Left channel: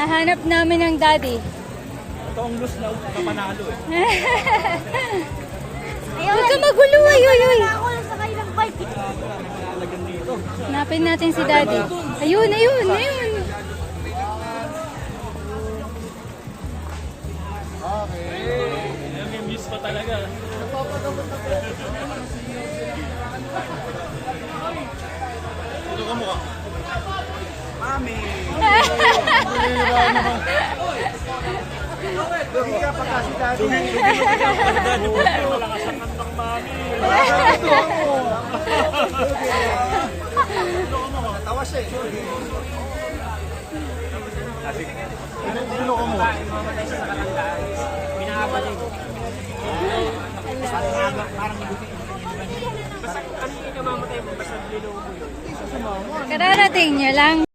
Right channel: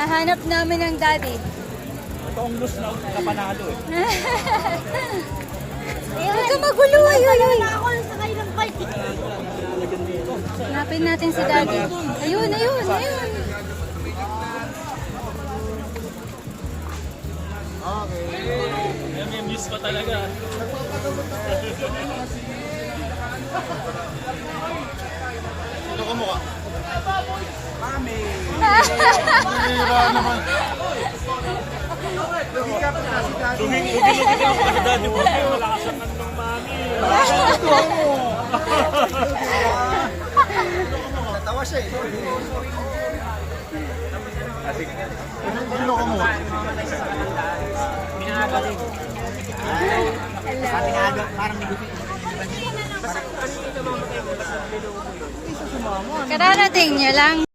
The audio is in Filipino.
Nahanap namin ang daddy. Ito ang loose na kapanalo eh. Huwag ka magulo, ayun. Ako lang sakay ng bike. Hanapin natin si daddy. Ayun. Ayan, may miss pa talaga. Ito ka mukha. Mami! Hira naman. Lugi ka pa kasi dati. Lugi ka pa kasi dati. Malakas ang kantang mami. Ito mo. Tawa siya eh. Ito ko mo. Pinaka din. Kararating nyo lang.